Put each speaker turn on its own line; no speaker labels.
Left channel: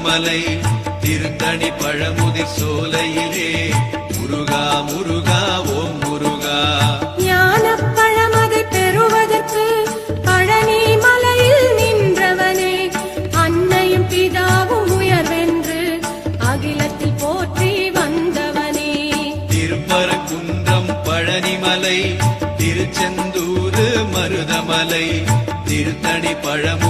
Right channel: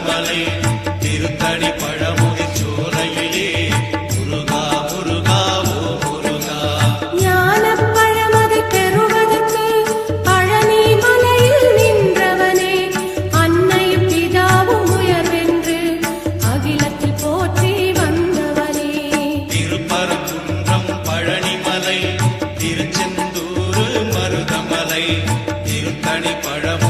திருமலை திருத்தடி பழமுகை சோலையிலே முருகா முருகா ஓ முருகா.
ஞான பழமதை பெறுவதற்கு பழனி மலையில் நின்றவனே. அன்னை பிதாவும் உயர்வென்று அகிலத்தில் போற்றி வந்தவனே.
திருப்பரங்குன்றம் பழனி மலை திருச்செந்தூர் மருதமலை திருத்தடி பழமு